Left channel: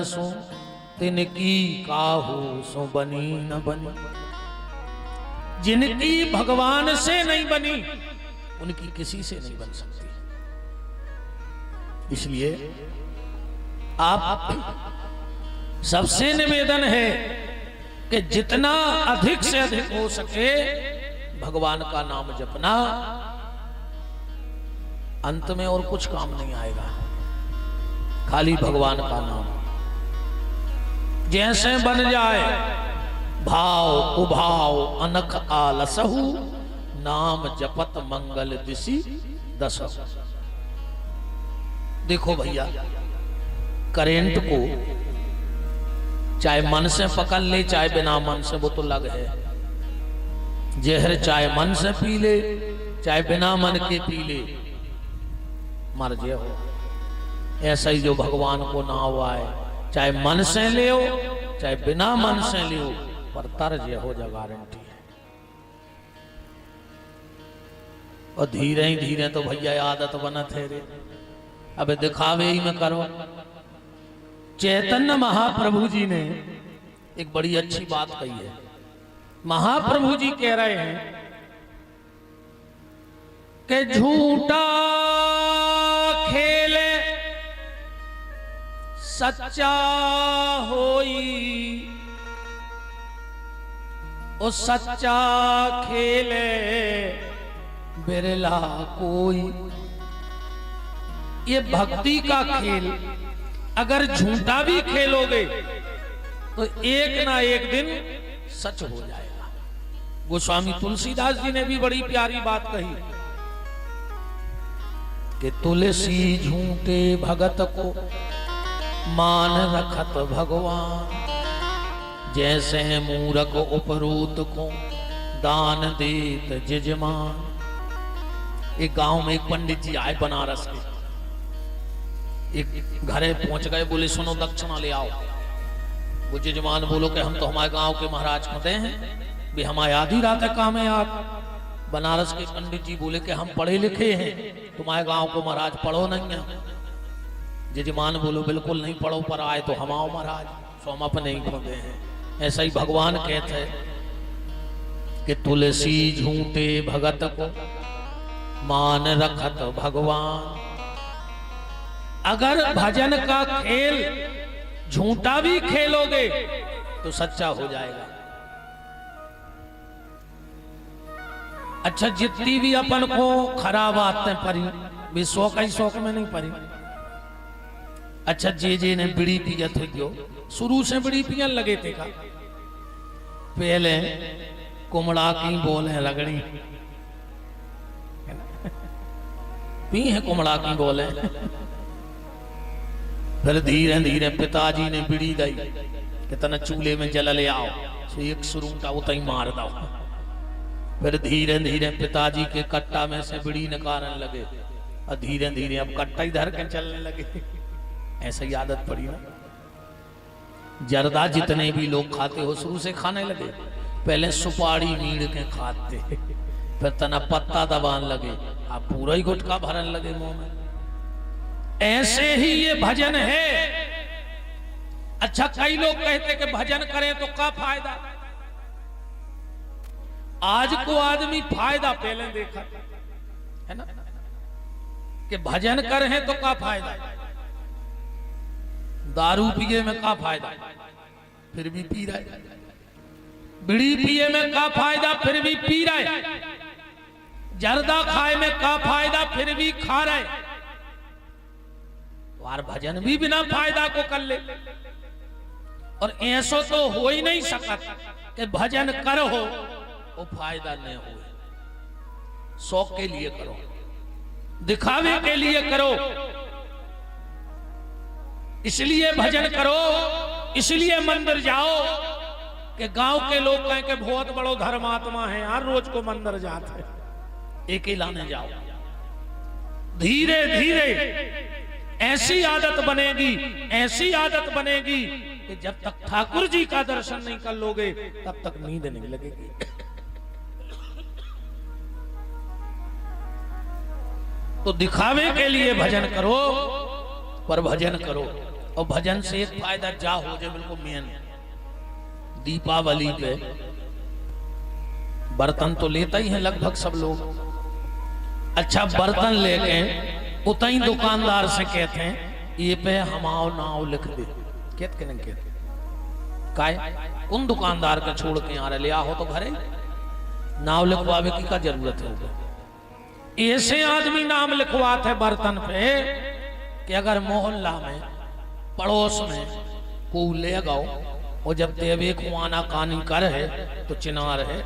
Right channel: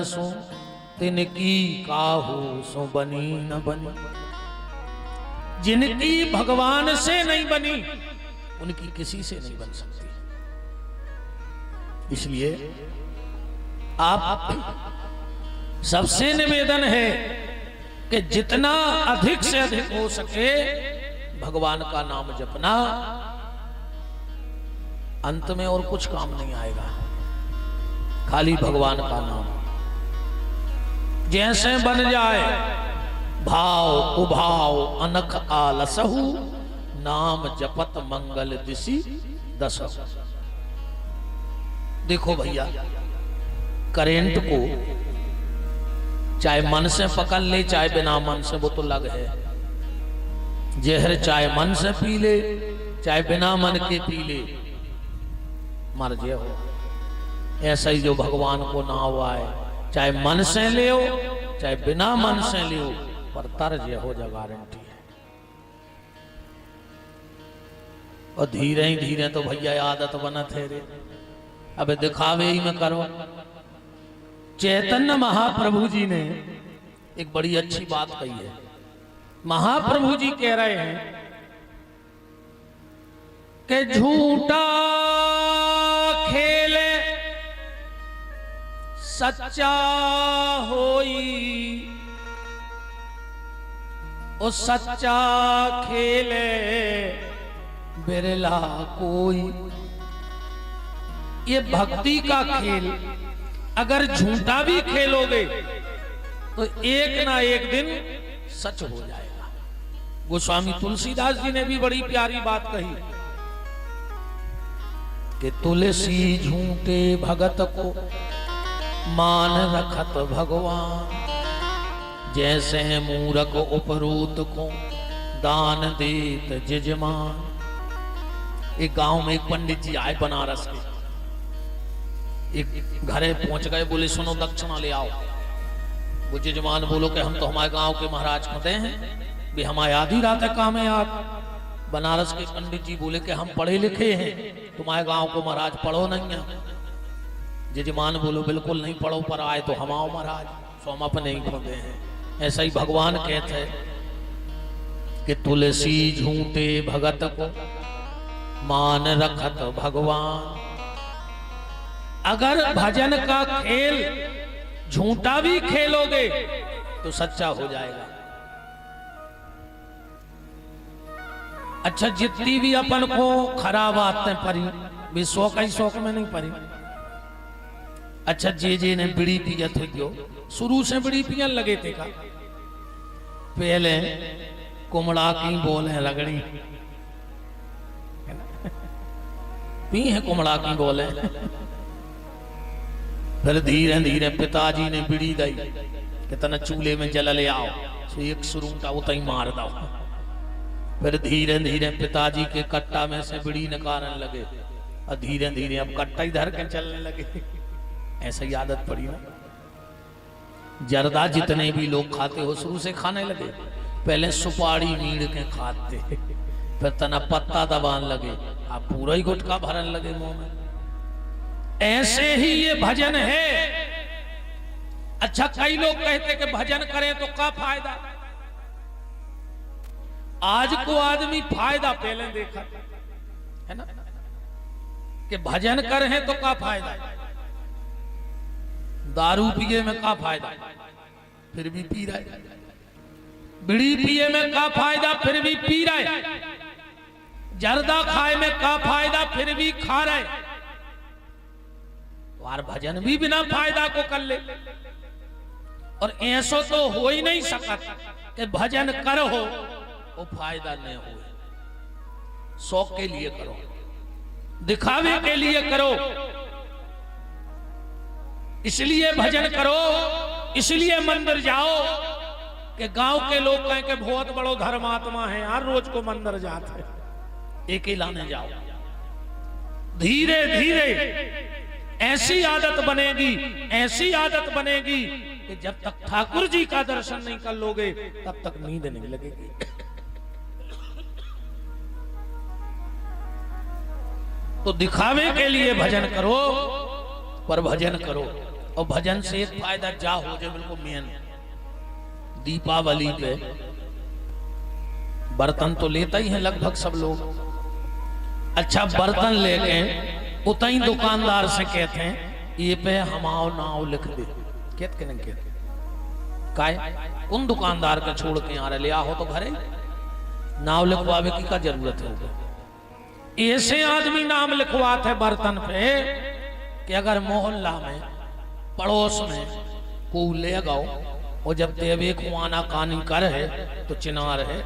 सो तिनकी काहू सो बनी न बनी। जिनकी भगवान से नहीं बनी उनकी किसी से नहीं बन सकती। इसलिए आप सबसे निवेदन है कि जितना अधिक से अधिक हो सके भगवान का नाम जपना। अंत में और कुछ काम नहीं आएगा, खाली भगवान का नाम। जैसे बन जाए भाव कुभाव अनख आलसहु, नाम जपत मंगल दिशि दश। देखो भैया, करेंट को चाहे मन से पकड़ ले चाहे बिना मन से, वो तो लग है। जहर चाहे मन से पी ले चाहे बिना मन के पी ले, मर जे हो। ऐसा ही जो भगवान को ना हुआ है, चाहे मन से ले हो चाहे बिना मन से ले हो, पर तर जे हो जा गारंटी है। और धीरे ही धीरे तो भैया आदत बना थे रे, अबे दिखावे ही में करो। चैतन्य महाप्रभु जी ने एक बड़ी अच्छी बात कही है। महाप्रभु जी कह रहे हैं कि झूठा खेले सच्चा होई, ओ सच्चा खेले बिरला कोई। ये भक्ति का खेल अगर झूठा भी खेलोगे तो एक ना एक दिन सच हो जाएगा। गोस्वामी तुलसीदास जी ने भी बड़ी प्यारी बात कही कि तुलसी झूठे भगत को मान रखत भगवान, जैसे मूरख उपरूत को दान देत जजमान। एक गांव में एक पंडित जी आए बनारस के, एक घरे पहुंच गए, बोले सुनो दक्षिणा ले आओ। वो जजमान बोलो कि हम तो हमारे गांव के महाराज खुदे हैं, भी हमारे आधी रात है काम है आप। बनारस के पंडित जी बोले कि हम पढ़े लिखे हैं, तुम्हारे गांव को महाराज पढ़ो नहीं है। जजमान बोलो बिल्कुल नहीं पढ़ो, पर आए तो हम आओ महाराज, सो हम अपने ही खुदे हैं। ऐसा ही भगवान कहते हैं कि तुलसी झूठे भगत को मान रखत भगवान। अगर भजन का खेल झूठा भी खेलोगे तो सच्चा हो जाएगा। अच्छा, जितनी भी अपन को खराब आते परी भी शौक ही शौक में नहीं परी। अच्छा, जे ने बीड़ी पिया थे, क्यों शुरू से बीड़ी पियन लगे थे का? पहले कुमड़ा की बोले रगड़ी पी है, कुमड़ा की बोले। फिर धीरे धीरे पिताजी ने बीड़ी दी कि तना चूल्हे में जल ले आओ, तो एक सुरूटा उतई मार दो। फिर धीरे धीरे पिताजी के कट्टा में से बीड़ी निकालने लगे, और धीरे धीरे अब कट्टा ही धर के चलने लगे। ऐसा ही आदत पड़ी ना। जर्दा जितने भी लोग खाते हो शुरू से खाने लगे। पहले सुपारी मीड़ के खाते, फिर तना पत्ता दबान लगे, आप पूरा ही गुटखा भरने लगे मुंह में। ऐसे ही ये भजन है। अच्छा, कई लोग कहते कि भजन करें तो क्या फायदा। आज को आदमी फायदा पहले देखा है ना, कि भजन करें तो क्या फायदा। दारू पिए में क्या फायदा, फिर भी पी रहा है। बीड़ी पिए में क्या फायदा, फिर भी पी रहा है। जर्दा खाए में क्या फायदा, फिर भी खा रहे। और भजन भी बिना फायदा को कर ले। और ऐसा तो हो ही नहीं सकता कि भजन करो वो फायदा नहीं हो। शौक के लिए करो, दिखावे के लिए करो, इसलिए भजन करो, इसलिए मंदिर जाओ। तो गांव के लोग कहें कि बहुत बड़ो धर्मात्मा है, हर रोज को मंदिर जाते, एक ही लाने जाओ। धीरे धीरे ऐसी आदत बनेगी, ऐसी आदत बनेगी कि जब तक ठाकुर जी का दर्शन नहीं कर लोगे तब तक नींद नहीं लगेगी। तो दिखावे के लिए भजन करो, पर भजन करो। और भजन से एक फायदा जा हो जाए बिल्कुल मेन। दीपावली पे बर्तन तो लेता ही है लगभग सब लोग। अच्छा बर्तन लेते हैं उतना दुकानदार से कहते हैं ये पे हमारा नाव लिख दे, क्या करेंगे काल उन दुकानदार का छोड़ के यहाँ ले आओ तो घर नाव लिखवाने की क्या जरूरत है। ऐसे आदमी नाम लिखवाते बर्तन पे कि अगर मोहल्ला में पड़ोस में लेगा वो जब देवी कुआना कान करे तो चिनार है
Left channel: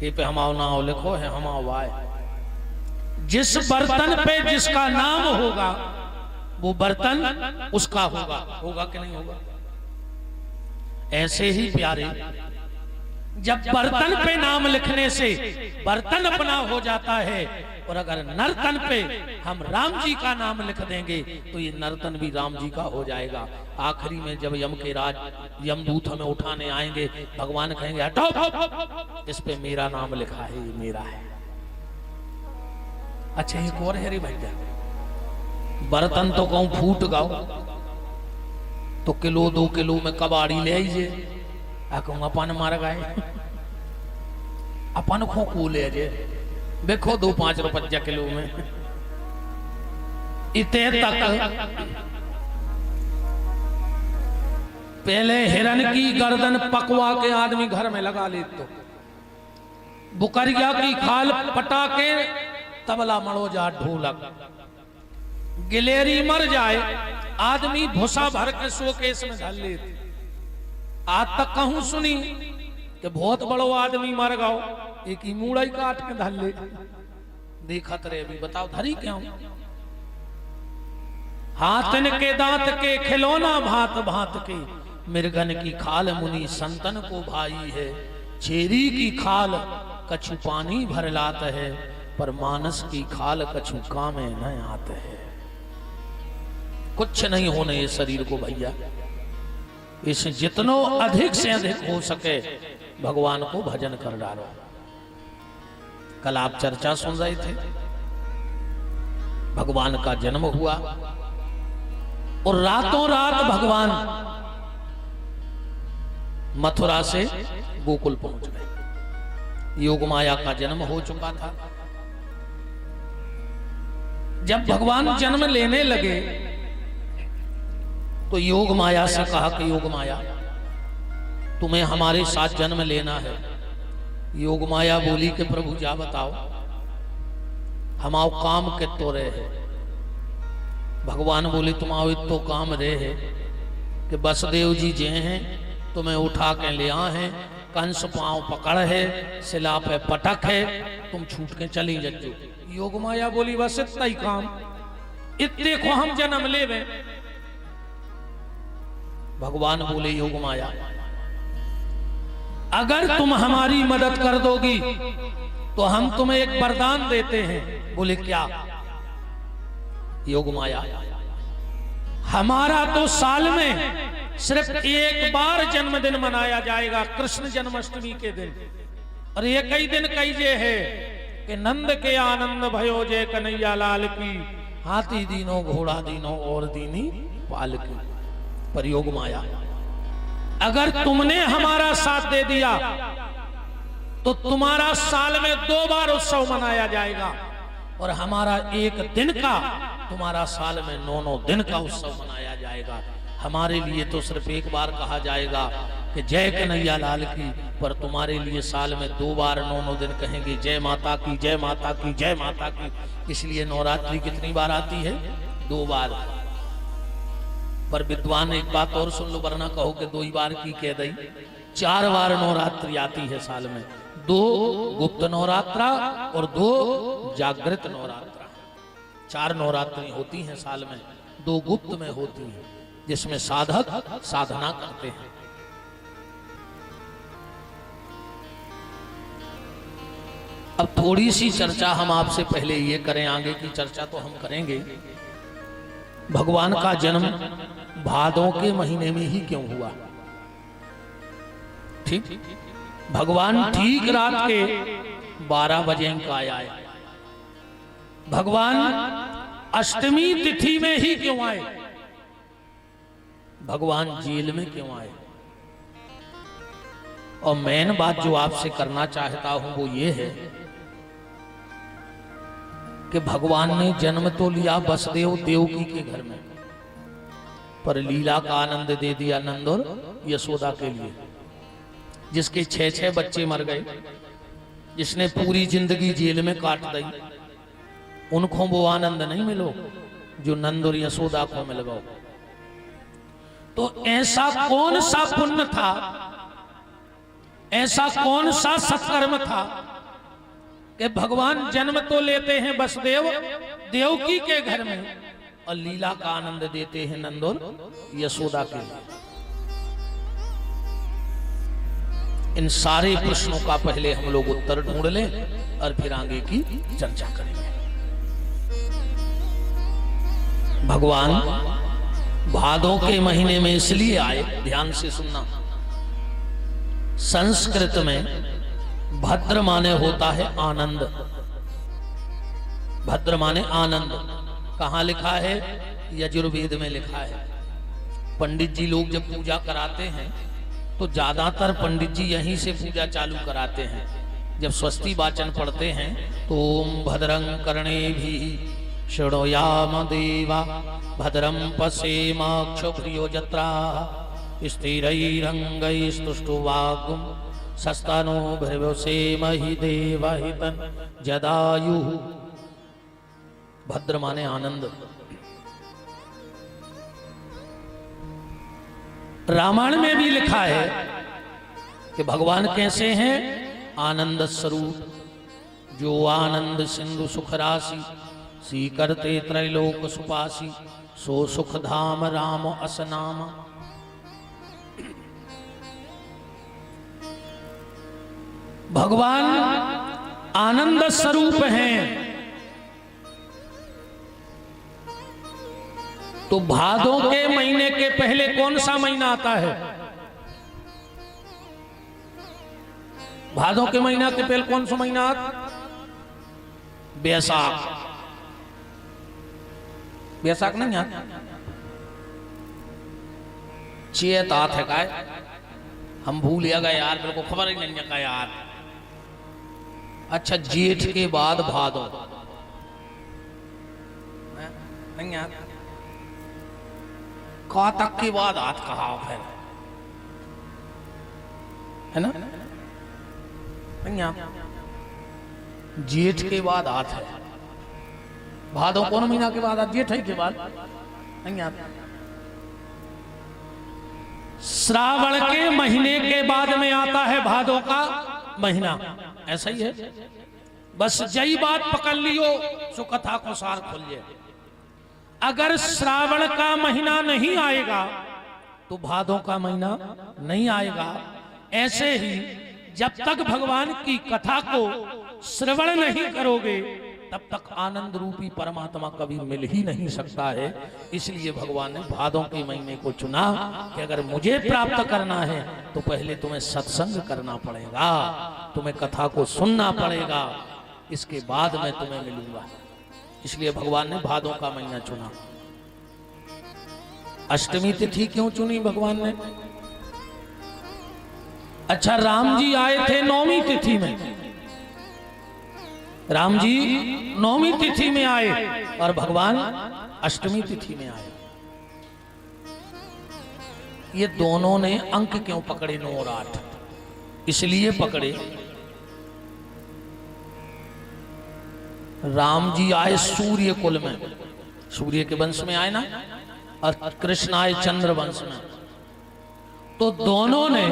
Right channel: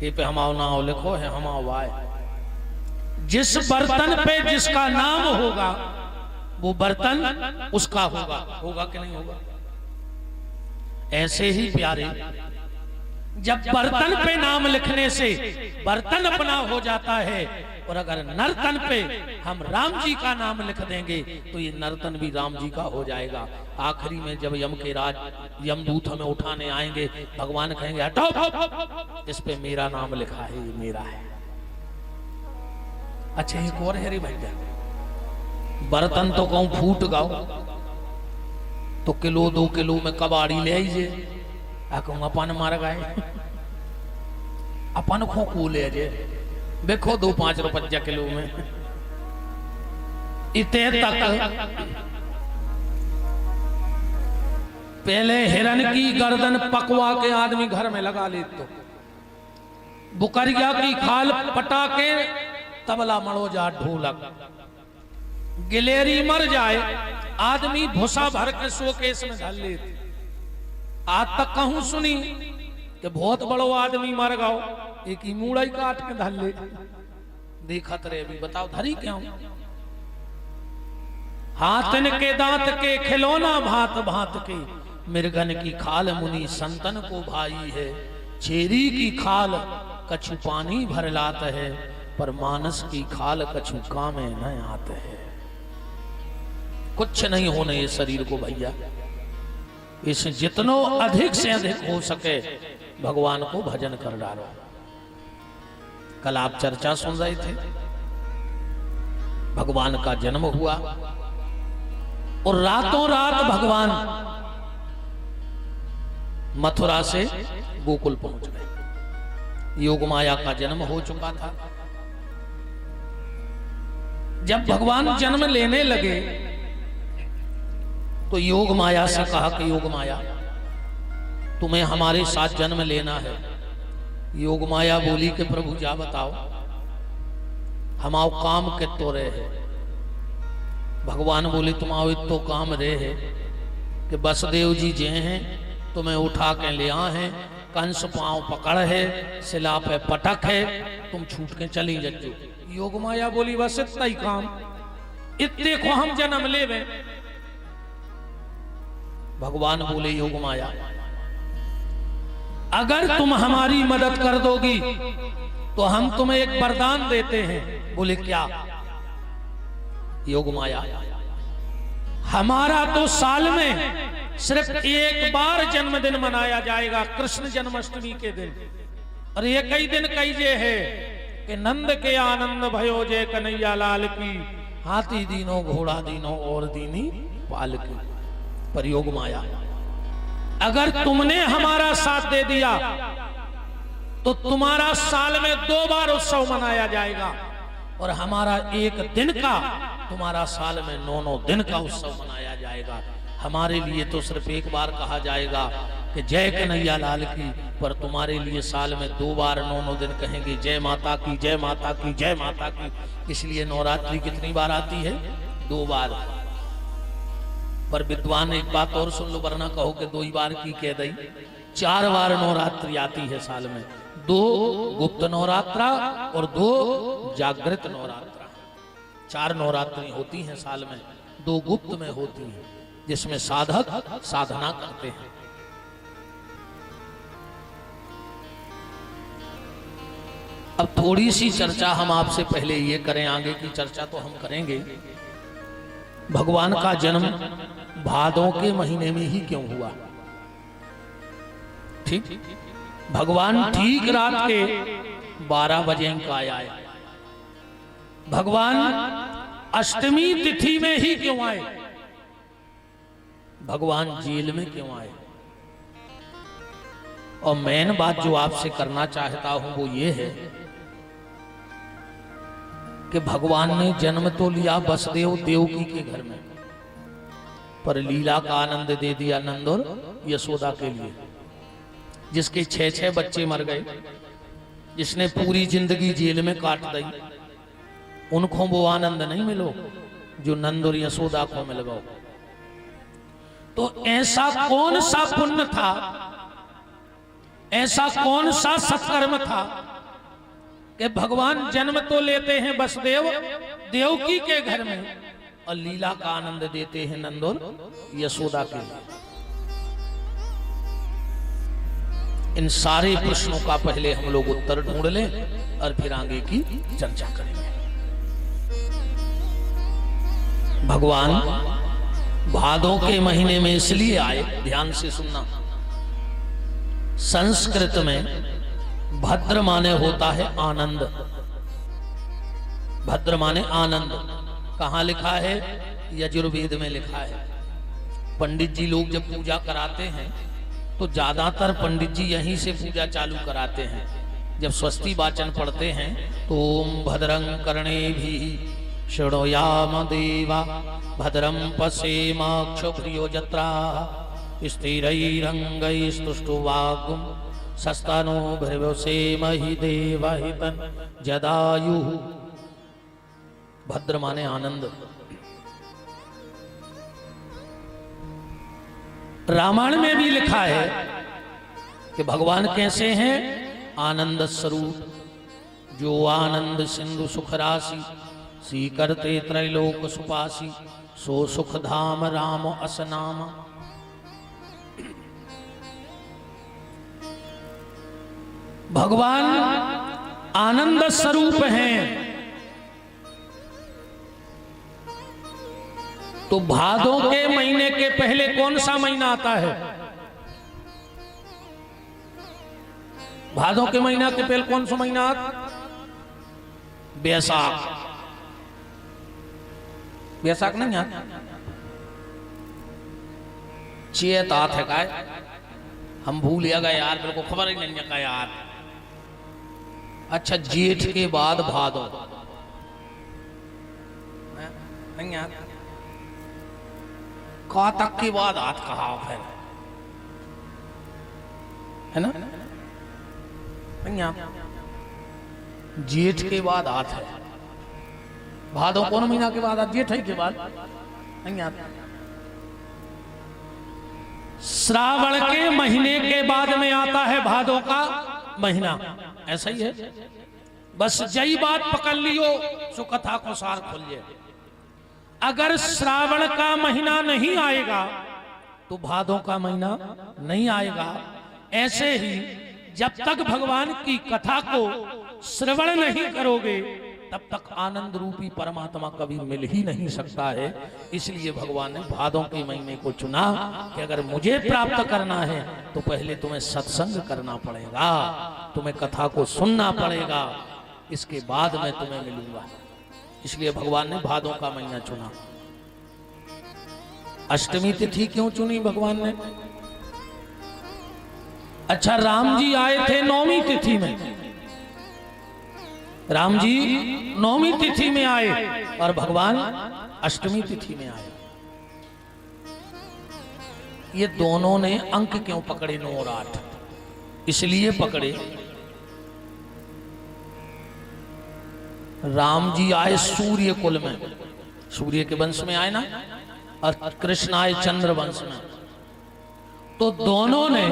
ये पे हमारा नाम लिखो है हमारा भाई। जिस बर्तन पे जिसका नाम होगा वो बर्तन उसका होगा, होगा कि नहीं होगा। ऐसे ही प्यारे जब बर्तन पे नाम लिखने से बर्तन अपना हो जाता है और अगर नर्तन पे हम राम जी का नाम लिख देंगे तो ये नर्तन भी राम जी का हो जाएगा। आखिरी में जब यम के राज यमदूत हमें उठाने आएंगे भगवान कहेंगे हटाओ इस पे मेरा नाम लिखा है ये मेरा है। अच्छा एक और है रे भैया, बर्तन तो कहूं फूट गाओ तो किलो 2 किलो में कबाड़ी ले आइए कहूँ अपन मार गए अपन को ले जे देखो 2-5 रुपया किलो में इतने तक पहले हिरन की गर्दन पकवा के आदमी घर में लगा ले तो बुकरिया की खाल पटा के तबला मड़ो जा ढोलक गिलेरी मर जाए आदमी भूसा भर के शोकेस में डाल ले। आज तक कहूं सुनी कि बहुत बड़ो आदमी मर गओ एक ही मूड़ा ही काट के डाल ले देखत रे भी बताओ धरी क्यों। हाथन के दांत के खिलौना भात भात के मिर्गन की खाल मुनि संतन को भाई है। चेरी की खाल कछु पानी भर लात है पर मानस की खाल कछु कामे न आते है। कुछ नहीं होने ये शरीर को भैया, इसे जितनो अधिक से अधिक हो सके भगवान को भजन कर डालो। कल आप चर्चा सुन रहे थे भगवान का जन्म हुआ और रातों रात भगवान मथुरा से गोकुल पहुंच गए। योग माया का जन्म हो चुका था। जब भगवान जन्म लेने लगे तो योग माया से कहा कि योग माया तुम्हें हमारे साथ जन्म लेना है। योग माया बोली कि प्रभु जा बताओ हम आओ काम के तो रहे। भगवान बोली तुम आओ तो काम रे है कि बसदेव जी जे हैं तुम्हें उठा के ले आ है, कंस पांव पकड़ है, सिला पे पटक है, तुम छूट के चली जाओ। योग माया बोली बस इतना ही काम, इतने को हम जन्म ले। भगवान बोले योग माया अगर तुम हमारी मदद कर दोगी तो हम तुम्हें एक वरदान देते हैं। बोले क्या? योग माया हमारा तो साल में सिर्फ एक बार जन्मदिन मनाया जाएगा, कृष्ण जन्माष्टमी के दिन। और ये कई दिन कही है कि नंद के आनंद भयो जय कन्हैया लाल की, हाथी दीनो घोड़ा दीनो और दीनी पाल की। पर योग माया अगर तुमने हमारा साथ दे दिया तो तुम्हारा साल में 2 बार उत्सव मनाया जाएगा और हमारा एक दिन का तुम्हारा साल में 9 दिन का उत्सव मनाया जाएगा। हमारे लिए तो सिर्फ एक बार कहा जाएगा कि जय कन्हैया लाल की, पर तुम्हारे लिए साल में 2 बार 9 दिन कहेंगे जय माता की, जय माता की, जय माता की। इसलिए नवरात्रि कितनी बार आती है? 2 बार। पर विद्वान एक बात और सुन लो वरना कहो कि 2 ही बार की कह दी। 4 बार नवरात्रि आती है साल में, 2 गुप्त नवरात्रा और 2 जागृत नवरात्रा। 4 नवरात्रि होती हैं साल में, 2 गुप्त में होती हैं जिसमें साधक साधना करते हैं। अब थोड़ी सी चर्चा हम आपसे पहले ये करें, आगे की चर्चा तो हम करेंगे। भगवान का जन्म भादों के महीने में ही क्यों हुआ? ठीक, भगवान ठीक रात के 12 बजे का आए। भगवान अष्टमी तिथि में ही क्यों आए? भगवान जेल में क्यों आए? और मेन बात जो आपसे करना चाहता हूं वो ये है कि भगवान ने जन्म तो लिया वसुदेव देवकी के घर में, पर लीला का आनंद दे दिया नंद और यशोदा के लिए। जिसके 6 बच्चे मर गए, जिसने पूरी जिंदगी जेल में काट दी, उनको वो आनंद नहीं मिलो जो नंद और यशोदा को मिल गया। तो ऐसा कौन सा पुण्य था, ऐसा कौन सा सत्कर्म था कि भगवान जन्म तो लेते हैं वसुदेव देवकी के घर में और लीला का आनंद देते हैं नंद और यशोदा के लिए? इन सारे प्रश्नों का पहले हम लोग उत्तर ढूंढ लें और फिर आगे की चर्चा करेंगे। भगवान भादों के महीने में इसलिए आए, ध्यान से सुनना। संस्कृत में भद्र माने होता है आनंद। भद्र माने आनंद। कहां लिखा है? यजुर्वेद में लिखा है। पंडित जी लोग जब पूजा कराते हैं तो ज्यादातर पंडित जी यहीं से पूजा चालू कराते हैं। जब स्वस्ति वाचन पढ़ते हैं तो ओम भद्रं कर्णेभिः शृणुयाम देवा भद्रं पश्येमाक्षभिर्यजत्रा स्थिरैरङ्गैस्तुष्टुवागुं सस्तनूभिर्व्यसेमहि देवहितं जदायुः। भद्र माने आनंद। रामायण में भी लिखा है कि भगवान कैसे हैं? आनंद स्वरूप। जो आनंद सिंधु सुख राशि, सी करते त्रैलोक सुपासी, सो सुख धाम राम असनाम। भगवान आनंद स्वरूप हैं। तो भादों के महीने के पहले कौन सा महीना आता है? भादों के महीना के पहले कौन सा महीना आता? बैसाख। बैसाख नहीं आता, चेत आत है काय? हम भूल गए यार, मेरे को खबर ही नहीं है का यार। अच्छा, जेठ के बाद भादो नहीं आता, कातक के बाद आठ कहा है ना? नहीं आता, जेठ के बाद आठ है। भादो कौन महीना के बाद आता? जेठ के बाद नहीं आता। श्रावण के महीने के बाद में आता है भादो का महीना। ऐसे ही है, बस यही बात पकड़ लियो सो कथा को सार खोलिए। अगर श्रावण का महीना नहीं आएगा तो भादों का महीना नहीं आएगा। ऐसे ही जब तक भगवान की कथा को श्रवण नहीं करोगे तब तक आनंद रूपी परमात्मा कभी मिल ही नहीं सकता है। इसलिए भगवान ने भादों के महीने को चुना कि अगर मुझे प्राप्त करना है तो पहले तुम्हें सत्संग करना पड़ेगा, तुम्हें कथा को सुनना पड़ेगा, इसके बाद मैं तुम्हें मिलूंगा। इसलिए भगवान ने भादों का महीना चुना। अष्टमी तिथि क्यों चुनी भगवान ने? अच्छा, राम जी आए थे नौवीं तिथि में। राम जी नौवीं तिथि में आए और भगवान अष्टमी तिथि में आए। ये दोनों ने अंक क्यों पकड़े? नवरात्र इसलिए पकड़े, राम जी आए सूर्य कुल में, सूर्य के वंश में आए ना, और कृष्ण आए चंद्र वंश में। तो दोनों ने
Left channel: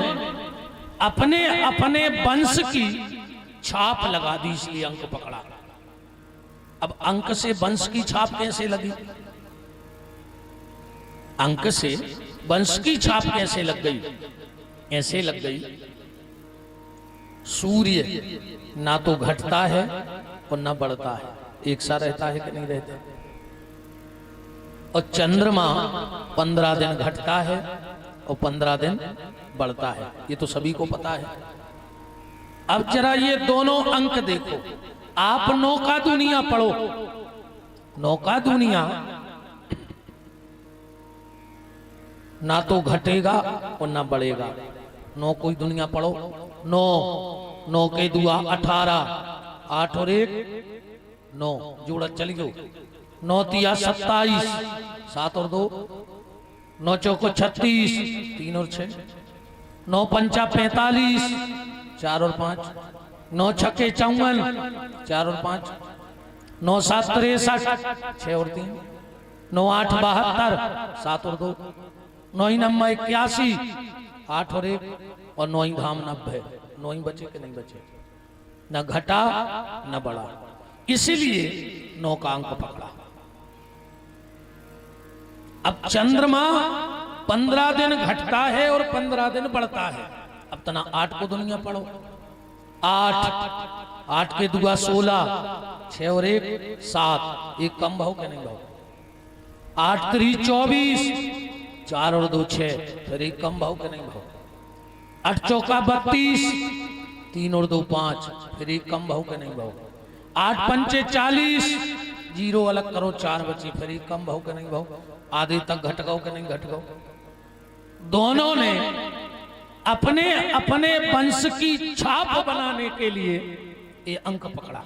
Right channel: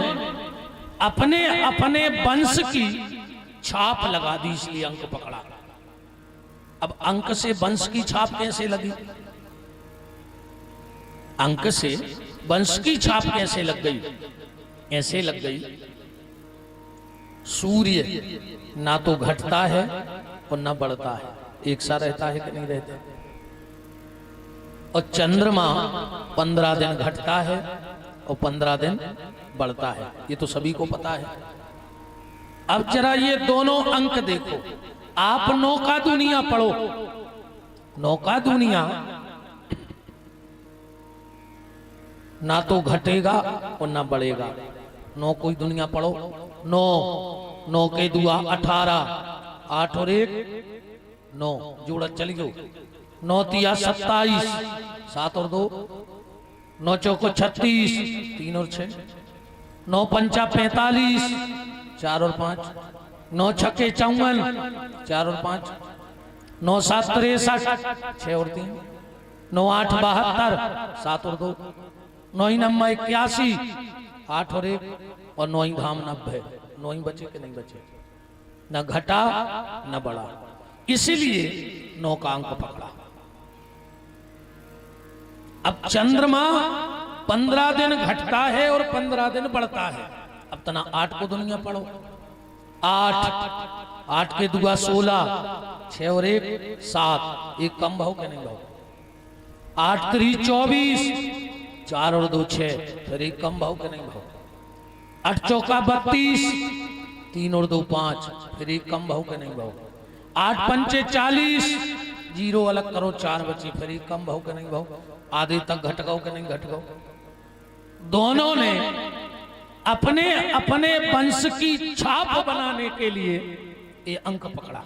अपने अपने वंश की छाप लगा दी, इसलिए अंक पकड़ा। अब अंक से वंश की छाप कैसे लगी? अंक से वंश की छाप कैसे लग गई? ऐसे लग गई, सूर्य ना तो घटता है और ना बढ़ता है, एक सा रहता है कि नहीं रहता। और चंद्रमा 15 दिन घटता है और 15 दिन बढ़ता है, ये तो सभी को पता है। अब जरा ये दोनों अंक देखो। आप नौका दुनिया पढ़ो। नौका दुनिया ना तो घटेगा और ना बढ़ेगा। 9 कोई दुनिया पढ़ो। 9 9 के दुआ 18, 8 और 1 9, जोड़ा चली जाओ। 9 तिया 27, 7 और 2 9 चौको 36, 3 और 6 9 पंचा 45, 4 और 5 9 छक्के 54, 4 और 5 9 7 63, 6 और 3 9 8 72, 7 और 2 9 9 81, 8 और 1 और 9 धाम 90। 9 बचे कि नहीं बचे? न घटा न बढ़ा, इसीलिए 9 का अंक पकड़ा। अब चंद्रमा 15 दिन घटता है और 15 दिन बढ़ता है। अब तना 8 को दुनिया पढ़ो। 8 के दुआ 16, 6 और 1 7, एक कम भाव के नहीं भाव। 8 3 24, 4 और 2 6, फिर एक कम भाव के नहीं भाव। 8 चौका 32, 3 और 2 5, फिर एक कम भाव के नहीं भाव। 8 पंचे 40, 0 अलग करो 4 बचे, फिर एक कम भाव के नहीं भाव। आधे तक घट गओ के नहीं घट गओ। दोनों ने अपने अपने वंश की छाप बनाने के लिए ये अंक पकड़ा।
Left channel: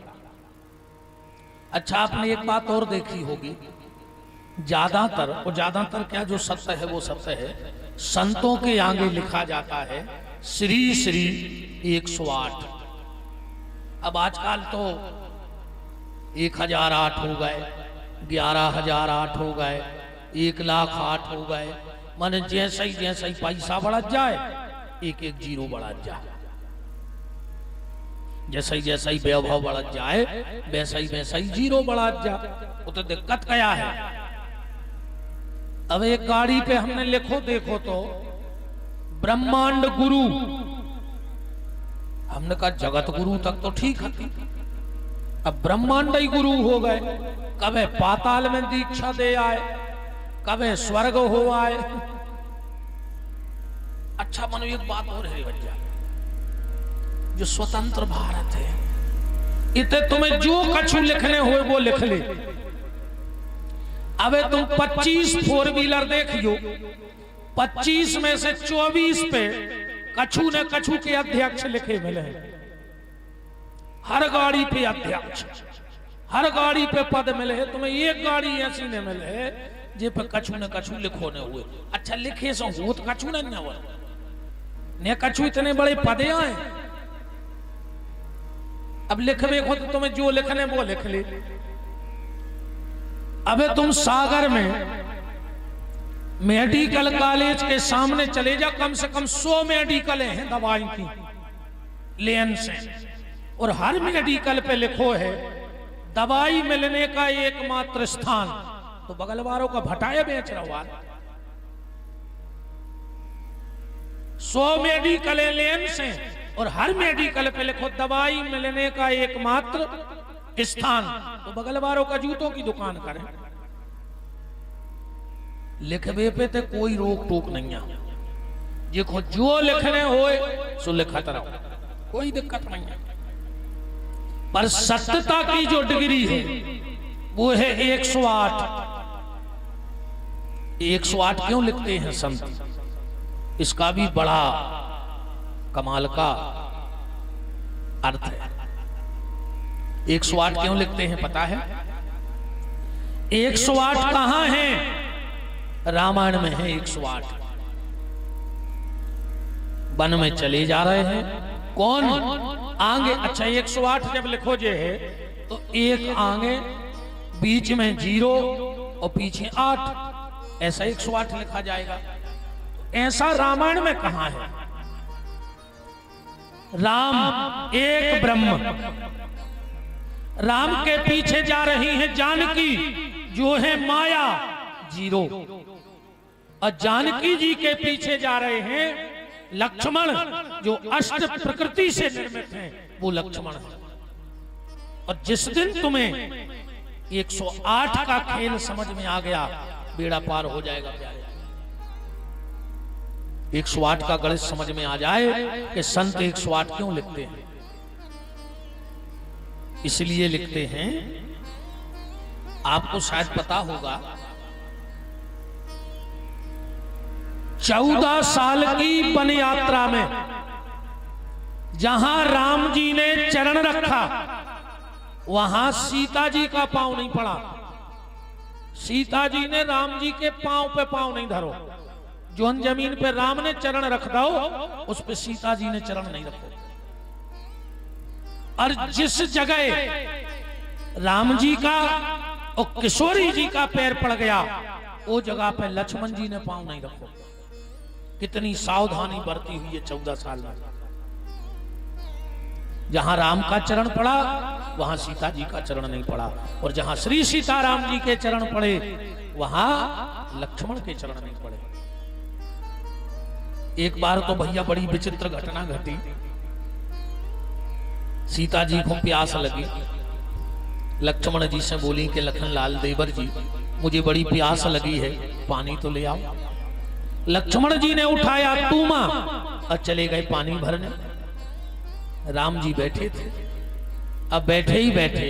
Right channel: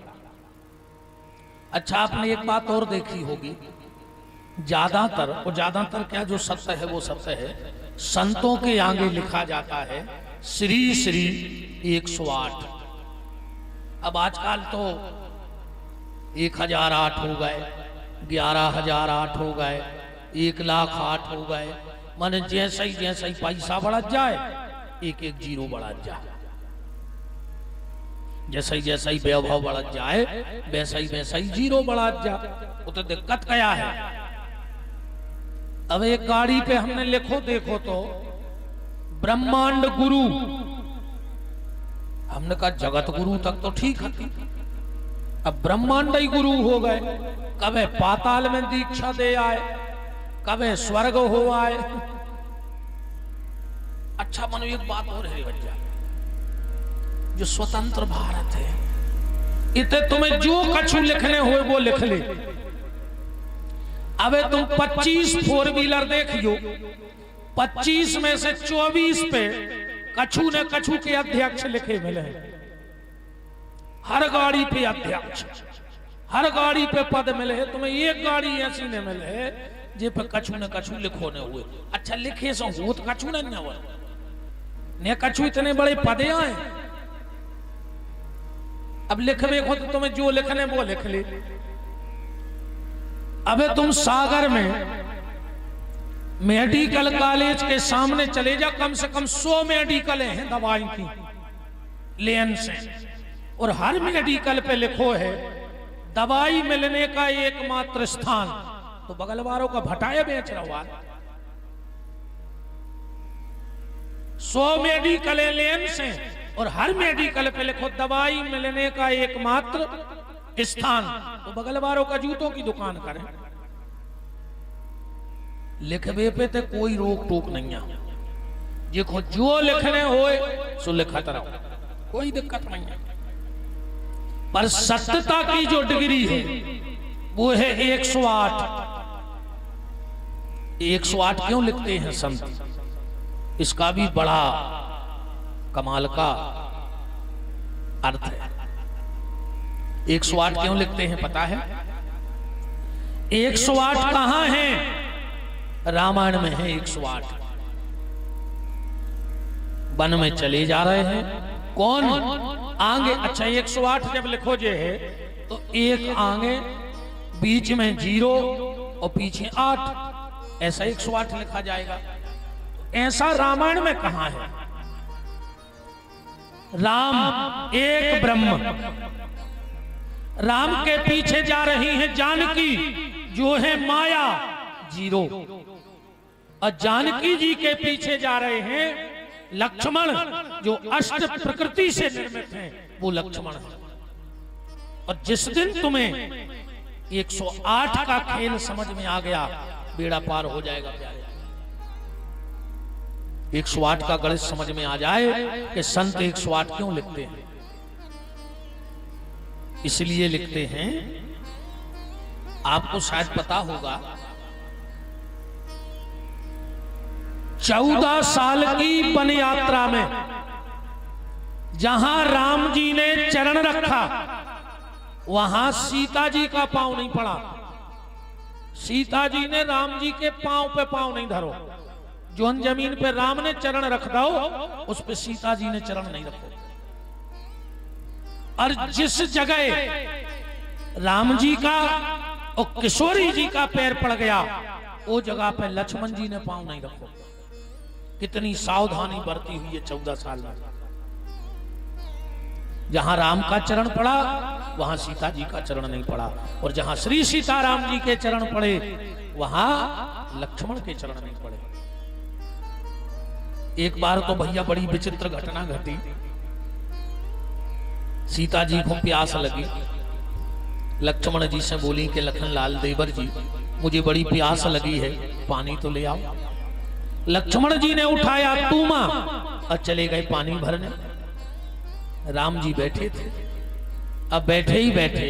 अच्छा, आपने एक बात और देखी होगी, ज्यादातर क्या जो सत्य है वो सत्य है। संतों के आगे लिखा जाता है श्री श्री 108। अब आजकल तो 1008 हो गए, 11,008 हो गए, 1,08,000 हो गए। माने जैसा ही पैसा बढ़ जाए एक एक जीरो बढ़ जाए, जैसा ही वैभव बढ़ जाए वैसा ही जीरो बढ़ा जाए। वो तो दिक्कत क्या है। अब एक गाड़ी पे हमने लिखो देखो तो ब्रह्मांड गुरु, हमने कहा जगत गुरु तक तो ठीक है, अब ब्रह्मांड ही गुरु हो गए। कभी पाताल में दीक्षा दे आए, कभी स्वर्ग हो आए। अच्छा मनो एक बात और है भैया, जो स्वतंत्र भारत है, इतने तुम्हें जो कछु लिखने हो वो लिख ले। अबे तुम 25 4 व्हीलर देख लो, 25 में से 24 पे कछु न कछु के अध्यक्ष लिखे मिले। हर गाड़ी पे अध्यक्ष, हर गाड़ी पे पद मिले। तुम्हें एक गाड़ी ऐसी न मिले जे पे कछु न कछु लिखो न हुए। अच्छा लिखे सो भूत कछु न हुआ ने कछु इतने बड़े पदे आए। अब लिखने को तो तुम्हें जो लिखने वो लिख ले। अबे तुम सागर में मेडिकल कॉलेज के सामने चले जा, कम से कम 100 मेडिकल है दवाई की लेन से, और हर मेडिकल पे लिखो है दवाई मिलने का एकमात्र स्थान। तो बगल वालों का भटाए बेच रहा। 100 मेडिकल लेन से और हर मेडिकल पे लिखो दवाई मिलने का एकमात्र स्थान। तो बगल वालों का जूतों की दुकान करें। लिखवे पे तो कोई रोक टोक नहीं है, देखो जो लिखने होए सो लिखत रहो, कोई दिक्कत नहीं है। पर सत्यता की जो डिग्री है वो है 108। 108 क्यों लिखते हैं संत? इसका भी बड़ा कमाल का अर्थ है। 108 क्यों लिखते हैं पता है? 108 कहां है? रामायण में है 108। वन में चले जा रहे हैं, कौन आगे? अच्छा 108 जब लिखो जे है तो एक आगे, बीच में 0 और पीछे 8, ऐसा 108 लिखा जाएगा। ऐसा रामायण में कहां है? राम एक ब्रह्म, राम के पीछे जा रही है जानकी जो है माया 0, और जानकी जी के पीछे जा रहे हैं लक्ष्मण जो अष्ट प्रकृति से निर्मित हैं, वो लक्ष्मण है। और जिस दिन तुम्हें 108 का खेल समझ में आ गया, बेड़ा पार हो जाएगा। 108 का गणित समझ में आ जाए कि संत 108 क्यों लिखते हैं। इसलिए लिखते हैं, आपको शायद पता होगा 14 साल की वन यात्रा में जहां राम जी ने चरण रखा वहां सीता जी का पांव नहीं पड़ा। सीता जी ने राम जी के पांव पे पांव नहीं धरो। जो जमीन पे राम ने चरण रख दो उस पे सीता जी ने चरण नहीं रखो। और जिस जगह राम जी का और किशोरी जी का पैर पड़ गया वो जगह पे लक्ष्मण जी ने पांव नहीं रखो। कितनी सावधानी बरती हुई है 14 साल में। जहां राम का चरण पड़ा वहां सीता जी का चरण नहीं पड़ा, और जहां श्री सीताराम जी के चरण पड़े वहां लक्ष्मण के चरण नहीं पड़े। एक बार तो भैया बड़ी विचित्र घटना घटी। सीता जी को प्यास लगी, लक्ष्मण जी से बोली कि लखन लाल देवर जी मुझे बड़ी प्यास लगी है, पानी तो ले आओ। लक्ष्मण जी ने उठाया तूमा और चले गए पानी भरने। राम जी बैठे थे। अब बैठे ही बैठे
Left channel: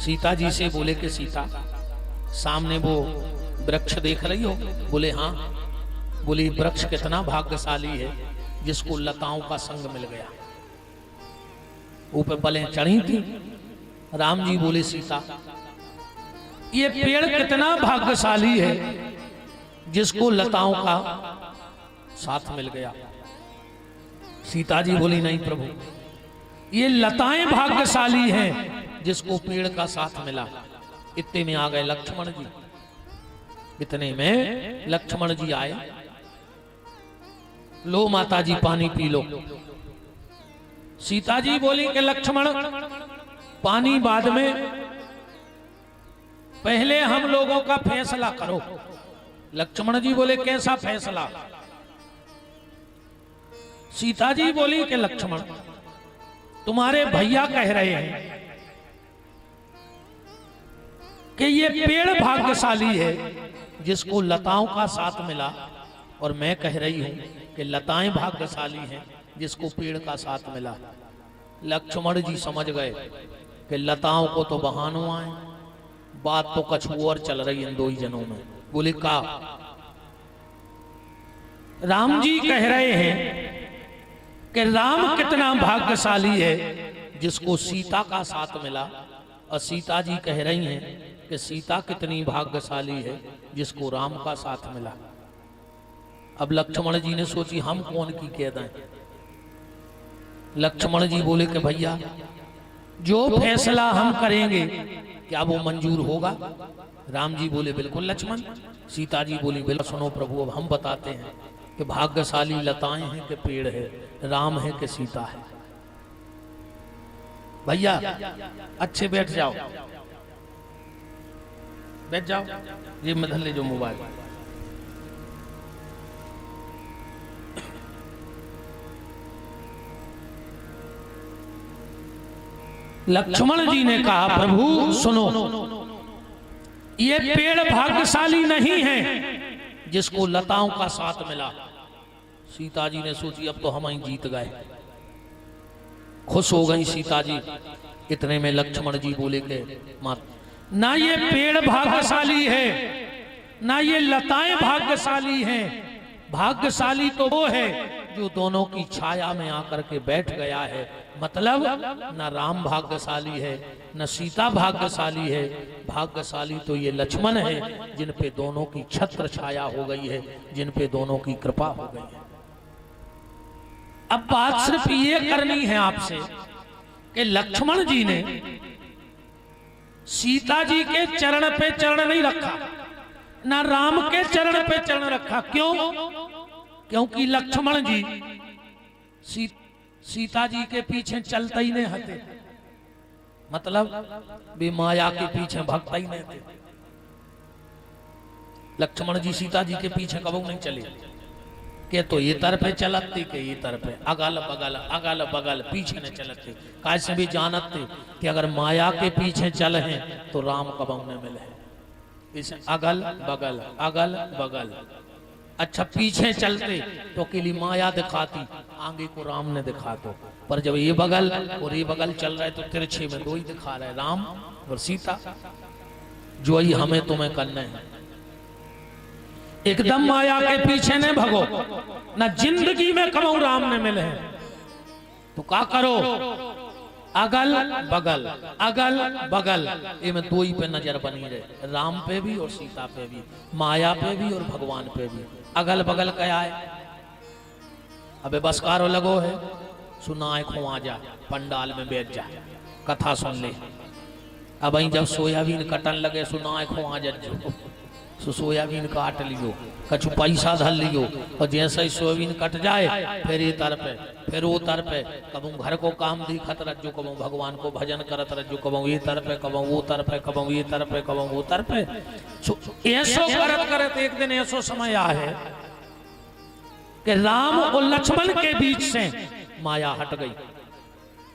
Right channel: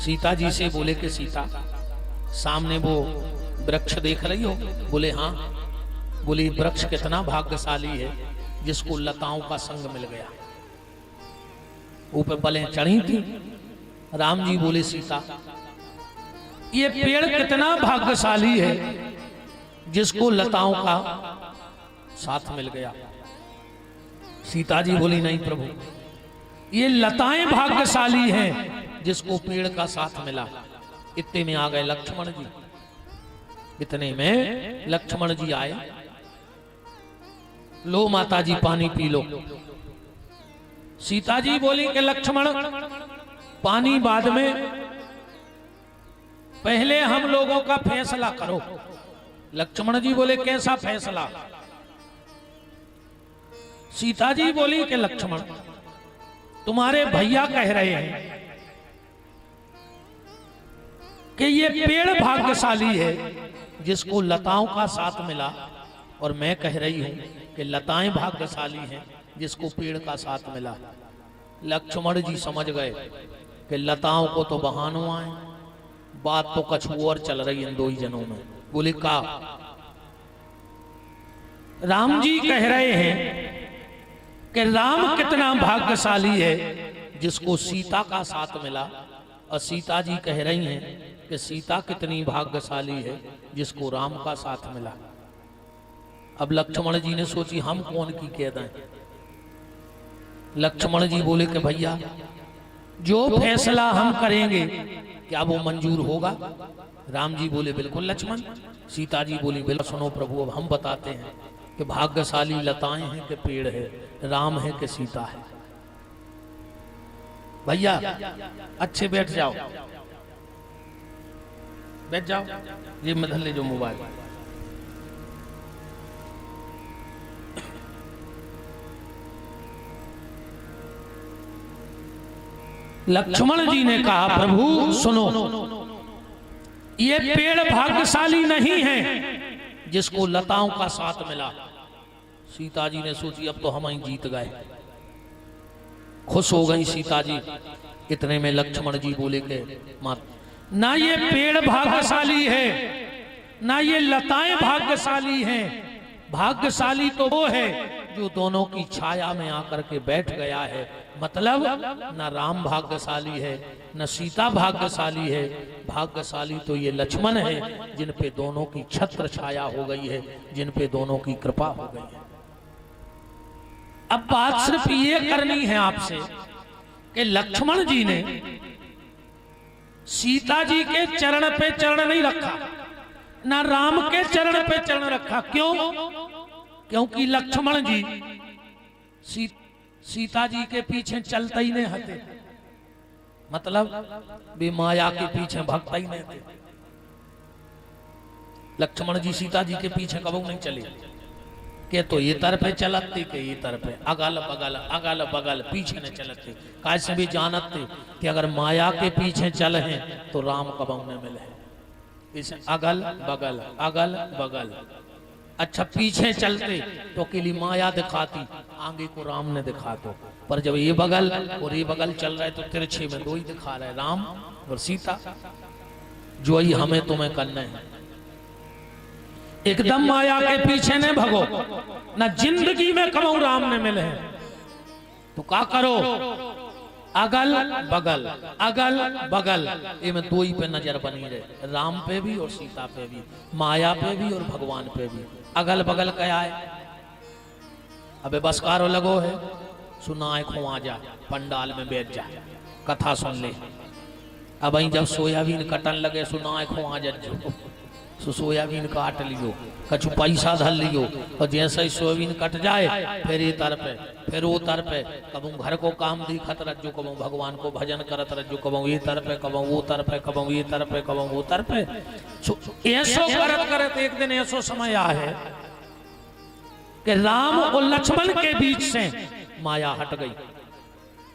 सीता जी से बोले कि सीता सामने वो वृक्ष देख रही हो? बोले हाँ। बोली वृक्ष कितना भाग्यशाली है जिसको लताओं का संग मिल गया। ऊपर पले चढ़ी थी। राम जी बोले सीता ये पेड़ कितना भाग्यशाली है जिसको लताओं का साथ मिल गया। सीता जी बोली नहीं प्रभु, ये लताएं भाग्यशाली हैं जिसको पेड़ का साथ मिला। इतने में आ गए लक्ष्मण जी। इतने में लक्ष्मण जी आए। लो माता जी पानी पी लो। सीता जी बोली कि लक्ष्मण पानी बाद में, पहले हम लोगों का फैसला करो। लक्ष्मण जी बोले कैसा फैसला? सीता जी बोली तुम्हारे भैया कह रहे हैं कि ये पेड़ भाग्यशाली है जिसको लताओं का साथ मिला, और मैं कह रही हूं कि लताएं भाग्यशाली है जिसको पेड़ का साथ मिला। लक्ष्मण जी समझ गए कि लताओं को तो बहानो आए, बात तो कुछ और चल रही है दो ही जनों में। बोली का राम जी कह रहे हैं कि राम कितना भाग्यशाली है जिसको सीता का साथ मिला, और सीता जी कह रही हैं कि सीता कितनी भाग्यशाली है जिसको राम का साथ मिला। अब लक्ष्मण जी ने सोची हम कौन की कह दें। लक्ष्मण जी बोले कि भैया जो फैसला हम करेंगे क्या वो मंजूर होगा? राम जी बोले बिल्कुल लक्ष्मण। सीता जी बोली बिल्कुल। सुनो प्रभु अब हम बताते हैं कि भाग्यशाली लताएं हैं कि पेड़ है, राम है कि सीता है। भैया अच्छे बैठ जाओ, बैठ जाओ। ये मधल ले जो मोबाइल। लक्ष्मण जी ने कहा प्रभु सुनो, ये पेड़ भाग्यशाली नहीं है जिसको लताओं का साथ मिला। सीता जी ने सोची अब तो हम ही जीत गए। खुश हो गई सीता जी। इतने में लक्ष्मण जी बोले के ना ये पेड़ भाग्यशाली है ना ये लताएं भाग्यशाली हैं। भाग्यशाली तो वो है जो दोनों की छाया में आकर के बैठ गया है। मतलब न राम भाग्यशाली है न सीता भाग्यशाली है। भाग्यशाली तो ये लक्ष्मण है जिन पे दोनों की छत्र छाया हो गई है, जिन पे दोनों की कृपा हो गई है। अब बात सिर्फ ये करनी है आपसे कि लक्ष्मण जी ने सीता जी के चरण पे चरण नहीं रखा, ना राम के चरण पे चरण रखा। क्यों? क्योंकि लक्ष्मण जी सीता जी के पीछे चलते ही नहीं हटे। मतलब वे माया के पीछे भागता ही नहीं थे। लक्ष्मण जी सीता जी के पीछे कबू नहीं चले के तो ये तरफे चलती के ये तरफे अगल बगल पीछे नहीं चलते। कैसे भी जानत कि अगर माया के पीछे चले हैं तो राम कबू न मिले। इस अगल बगल अच्छा पीछे चलती तो केली माया दिखाती, आगे को राम ने दिखाते। पर जब ये बगल और ये बगल चल रहे तो तिरछे में दो ही दिखा रहे, राम और सीता। जो ही हमें तुम्हें करना है। एकदम माया के पीछे न भगो, ना जिंदगी में करो राम में मिले तो क्या करो, अगल बगल अगल बगल, ये में दो ही पे नजर बनी रहे, राम पे भी और सीता पे भी, माया पे भी और भगवान पे भी। अगल बगल क्या है? अबे बस कारो लगो है, सुनाए खुआ जा, पंडाल में बैठ जा, कथा सुन ले। अब जब सोयाबीन कटन लगे सुनाए खुआ जा, सोयाबीन काट लियो, कछु पैसा धर लियो, और जैसे ही सोयाबीन कट जाए फिर ये तर पे, फिर वो तर पे, कबू घर को काम दिखत रजो, कबू भगवान को भजन करत रजो, कबू ये तर पे, कबू वो तर पे, कबू ये तर पे, कबू वो तर पे। ऐसो करत करत एक दिन ऐसो समय आए कि राम और लक्ष्मण के बीच से माया हट गई।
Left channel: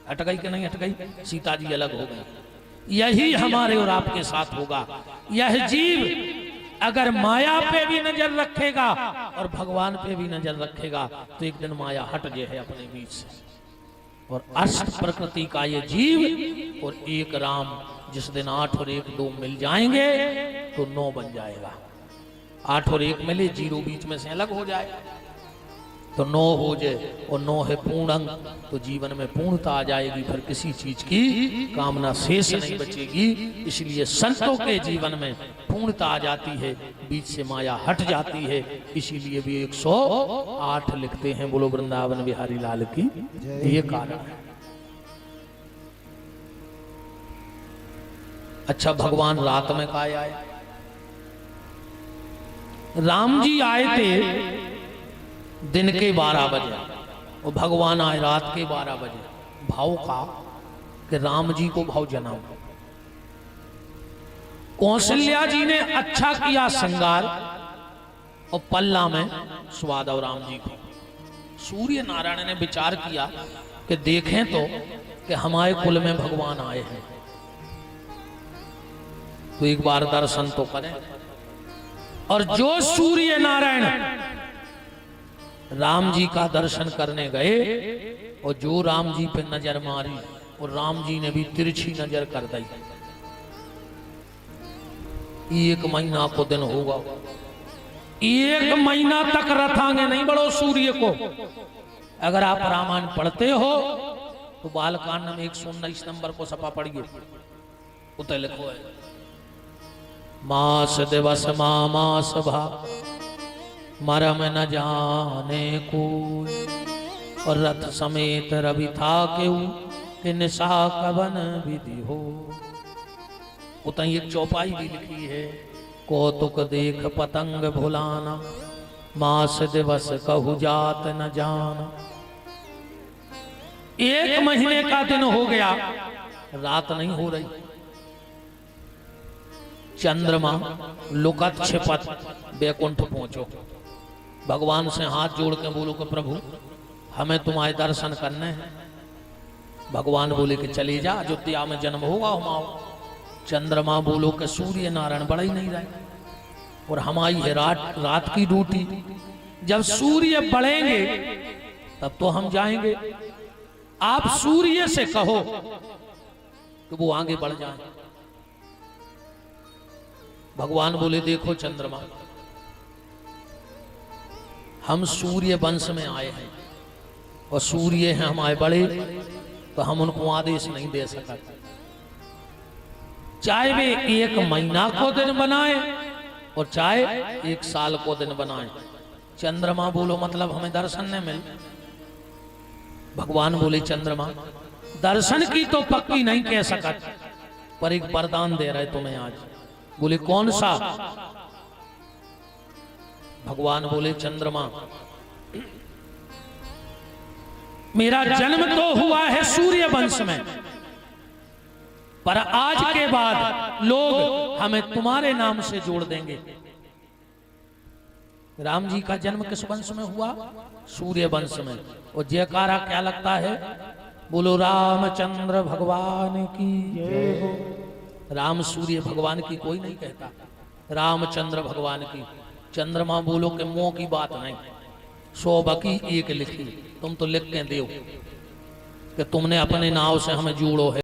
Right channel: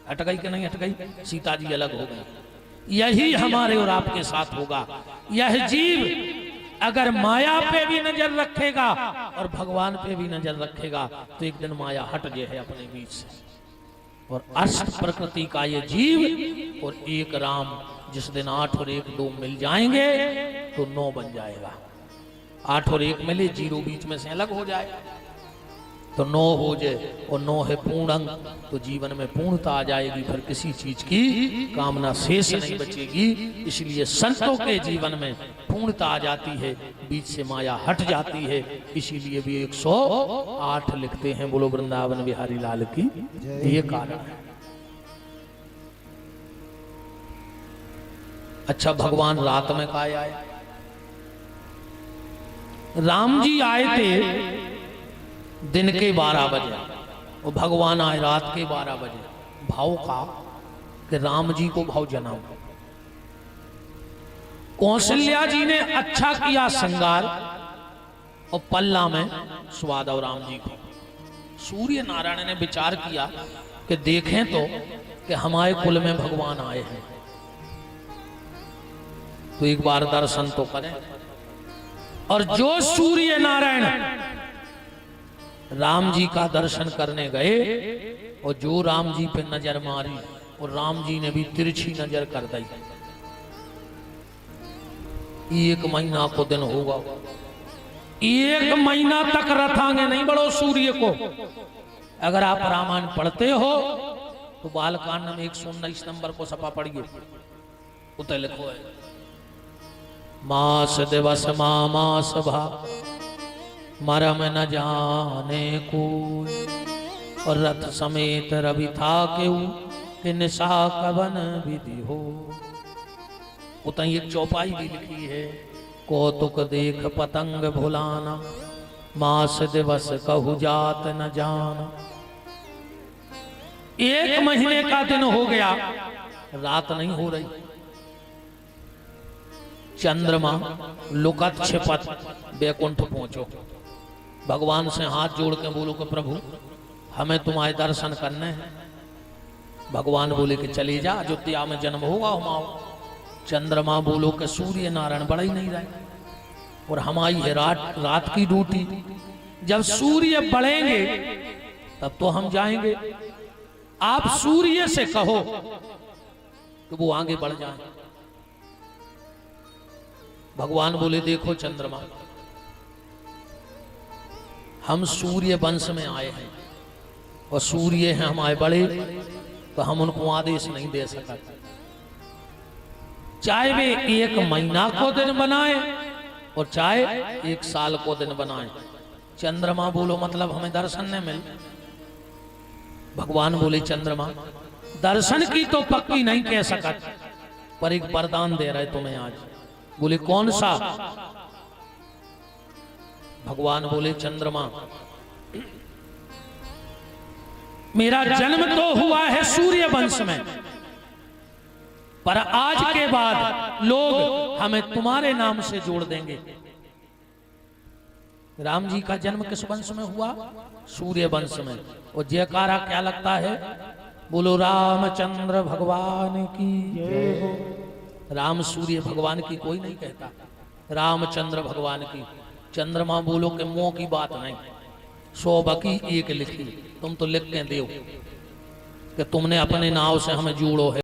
हट गई कि नहीं हट गई? सीता जी अलग हो गई। यही हमारे और आपके साथ होगा। यह जीव अगर माया पे भी नजर रखेगा और भगवान पे भी नजर रखेगा तो एक दिन माया हट गए है अपने बीच से। और अष्ट प्रकृति का ये जीव और एक राम, जिस दिन 8 और 1 2 मिल जाएंगे तो 9 बन जाएगा। 8 और 1 मिले, 0 बीच में से अलग हो जाए तो 9 हो जाए, और 9 है पूर्ण अंक, तो जीवन में पूर्णता आ जाएगी, फिर किसी चीज की कामना शेष नहीं बचेगी। इसलिए संतों के जीवन में पूर्णता आ जाती है, बीच से माया हट जाती है। इसीलिए भी 108 लिखते हैं, बोलो वृंदावन बिहारी लाल की। ये कारण है। अच्छा, भगवान रात में कहा आए? राम जी आए थे दिन के 12 बजे और भगवान आए रात के 12 बजे। भाव का कि राम जी को भाव जनाओ। कौशल्या जी ने अच्छा किया श्रृंगार और पल्ला में स्वाद और राम जी को। सूर्य नारायण ने विचार किया कि देखें तो कि हमारे कुल में भगवान आए हैं तो एक बार दर्शन तो करें। और जो सूर्य नारायण राम जी का दर्शन करने गए और जो राम जी पे नजर मारी और राम जी ने भी तिरछी नजर कर दी। 1 महीना को दिन होगा, 1 महीना तक रथांगे नहीं बड़ो सूर्य को। अगर आप रामायण पढ़ते हो तो बालकांड में 119 नंबर को सपा पढ़िए, उतर लिखो है मास दिवस मास भा मरम न जाने को, और रथ समेत रवि था कि निशा कवन विधि हो। उतना ये चौपाई भी लिखी है, कौतुक देख पतंग भुलाना, मास दिवस कहु जात न जान। 1 महीने का दिन हो गया, रात नहीं हो रही। चंद्रमा लुकत छिपत बैकुंठ पहुंचो, भगवान से हाथ जोड़ के बोलो कि प्रभु हमें तुम्हारे दर्शन करने हैं। भगवान बोले कि चली जा, अयोध्या में जन्म होगा हमारा। चंद्रमा बोलो कि सूर्य नारायण बड़ा ही नहीं रहे और हमारी है रात की ड्यूटी। जब सूर्य बढ़ेंगे तब तो हम जाएंगे। आप सूर्य से कहो कि वो आगे बढ़ जाए। भगवान बोले देखो चंद्रमा, हम सूर्य वंश में आए हैं और सूर्य हैं हमारे बड़े, तो हम उनको आदेश नहीं दे सकते। चाहे वे 1 महीना को दिन बनाए और चाहे 1 साल को दिन बनाए। चंद्रमा बोलो मतलब हमें दर्शन नहीं मिल। भगवान बोले चंद्रमा दर्शन की तो पक्की नहीं कह सकते, पर एक वरदान दे रहे तुम्हें आज। बोले कौन सा? भगवान बोले चंद्रमा मेरा जन्म तो हुआ है सूर्य वंश में, पर आज के बाद लोग हमें तुम्हारे नाम से जोड़ देंगे। राम जी का जन्म किस वंश में हुआ? सूर्य वंश में। और जयकारा क्या लगता है? बोलो रामचंद्र भगवान की जय हो। राम सूर्य भगवान की कोई नहीं कहता, रामचंद्र भगवान की। चंद्रमा बोलो कि मोह की बात नहीं, 100 बकी 1 लिखी, तुम तो लिख के दो कि तुमने अपने नाव से हमें जोड़ो है।